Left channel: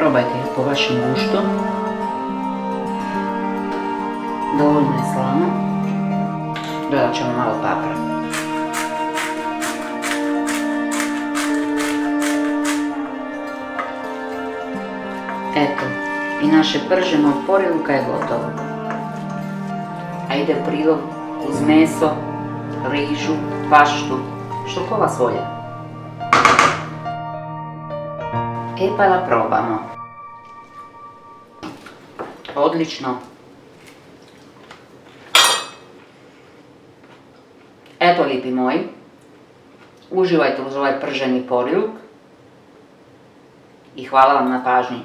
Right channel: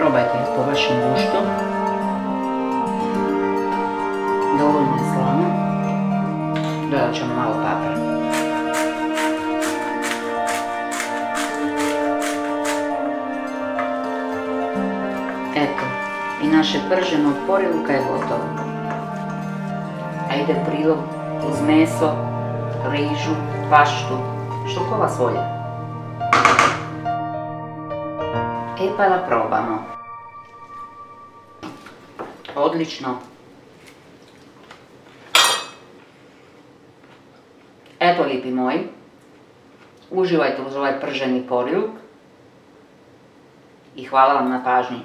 Probajte po vašem guštu. Dovoljno je slano. Dodat ćemo malo papra. Eto, i naše prženo poriluka je gotovo. A ide u prilog uz meso, rižu, paštu, što ko vas volja. Pa da probamo. Odlično. Eto, lipi moji, uživajte uz ovaj prženi poriluk i hvala vam na pažnji.